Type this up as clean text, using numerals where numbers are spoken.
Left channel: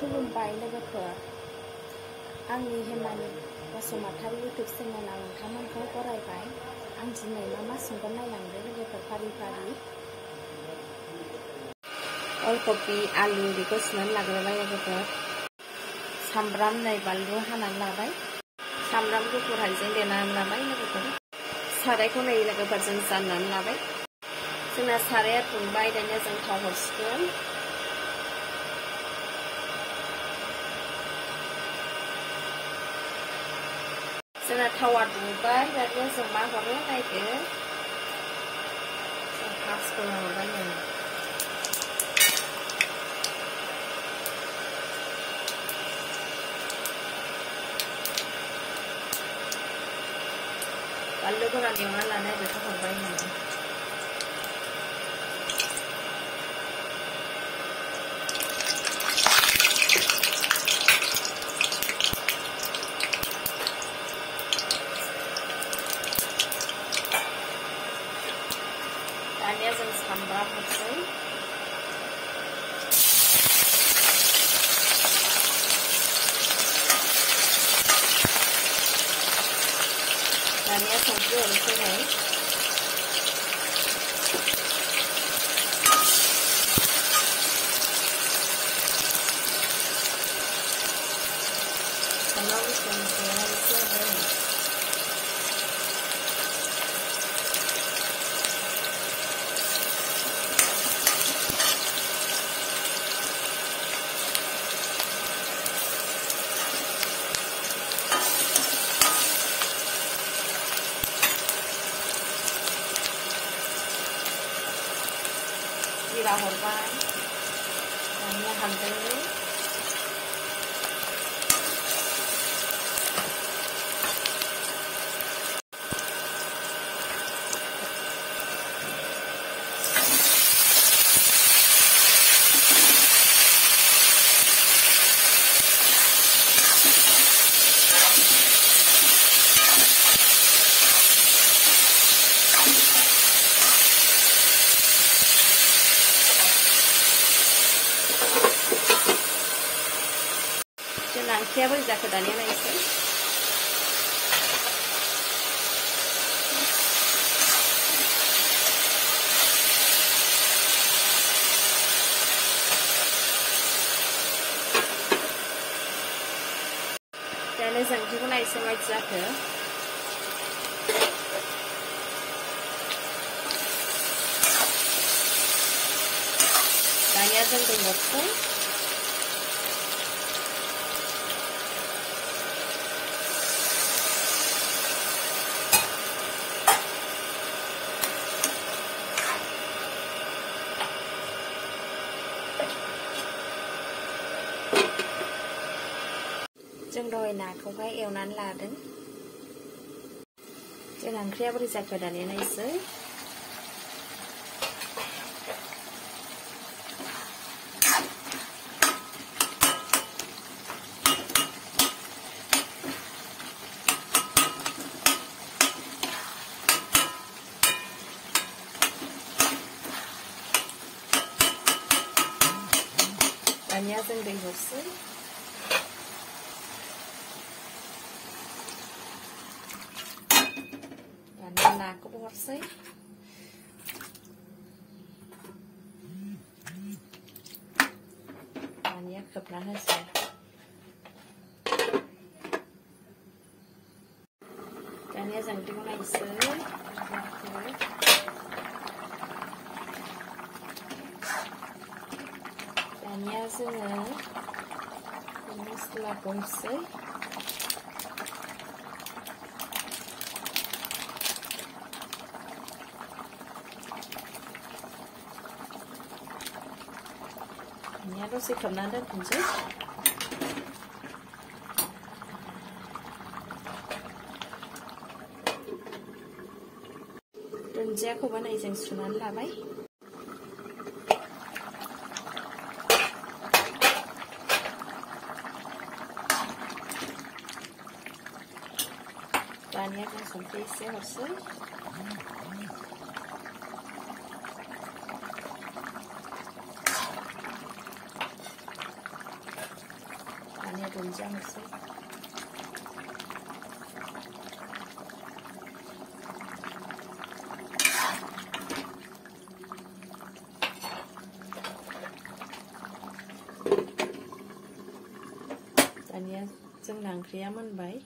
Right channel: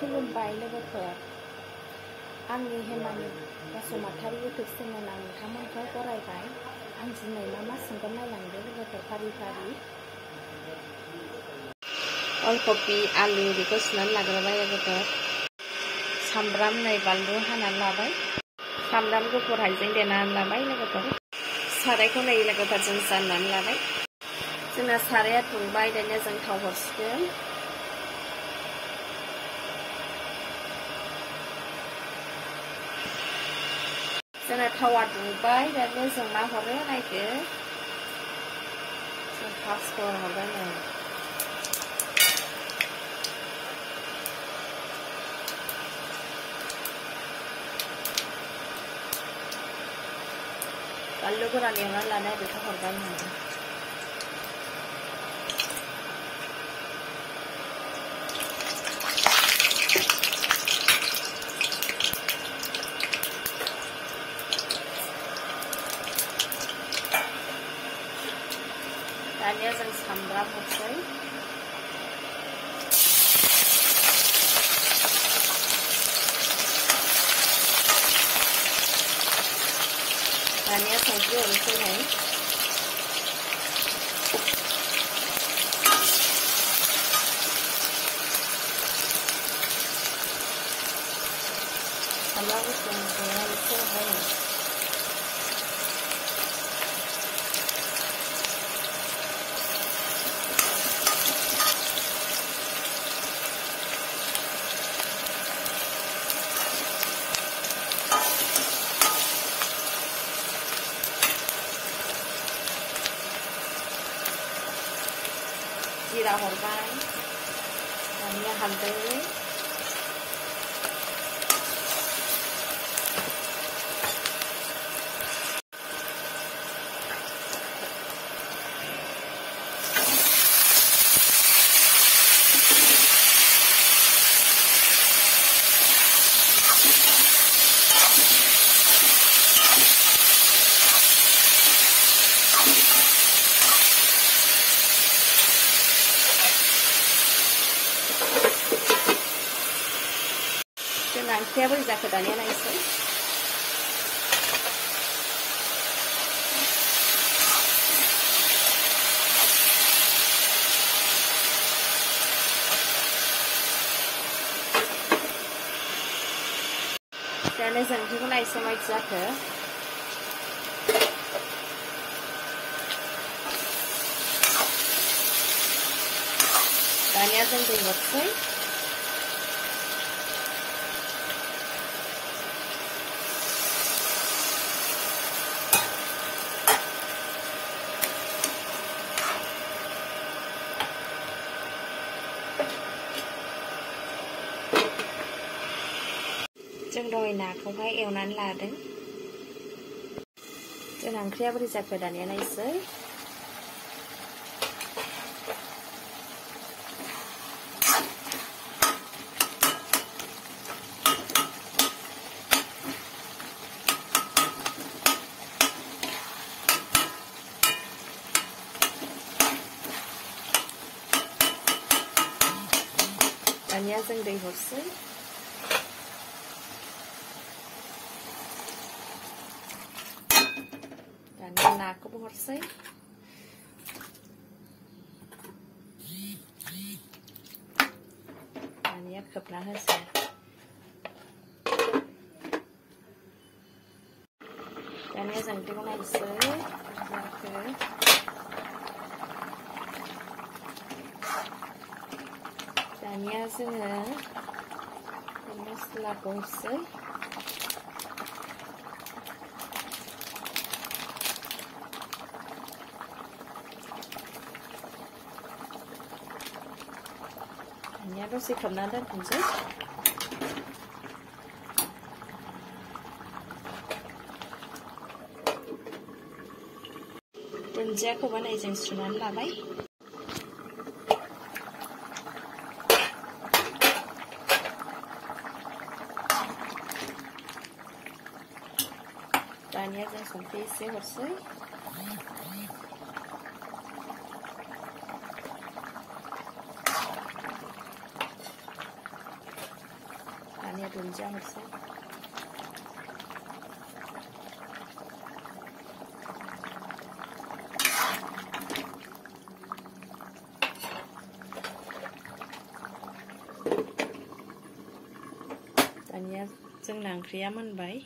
खुलुमबाय लोगोफोर, आंनि हेमानि बसुमतारी इउटुब चेनेलाव नोंथांमोनखौ बरायबाय। आं दिनै मा संगोन नायलांदो लोगोफोर फारि फारि। अलकपि आलु बेखौ सुनानै लाग्रोबाय लोगोफोर। सामब्राम नै बानलु हानानै लाबाय। सामब्राम गुफुर हाइजें देनानै लाबाय लोगोफोर। सारायखौ नै लोगोफोर जों जाननानै लाबाय। जोंना साराया दुंबाय, दानिया जों थाव हरसिगोन। जोंना थावा दुंबाय, दानिया जों मा हरो नायदो। जों फार्स्टखौ हरबाय नै बानलु गोरान एवनानै लानाय बेखौ हरबाय नै। दानिया जों सामब्राम हरसै। दानिया संख्रि हरसै नै। सामब्राम गुफुर देनानै एसे हरबाय नै। जिरा हरबाय, दानिया हालदै, जोंना ओंख्रिया बोरै जाखो दानिया नायसै। दानिया जों ओंख्रिखौ नायसै माबायदि जाखो। दानिया जों दै हरसै। जों दहाय नाखौहाय एवनानै लादों। जोंना ओंख्रिया बोरै जाखो दानिया नायसै। दानिया जों दै हरसै। दानिया नाखौबो हरसै। दानिया खोबना होसै। दानिया जों ओंख्रिखौ नायसै। दानिया जोङो मस्लाखौ होसै। दानिया दसे खोबनानै दोनथ'नोसै। दुन्दियाखौबो नै जों सुनानै लाबाय। दानिया जों संख्रि एसे हरसै। दानिया दुन्दिया हरसै दानिया जोंना ओंख्रिया मोनबाय।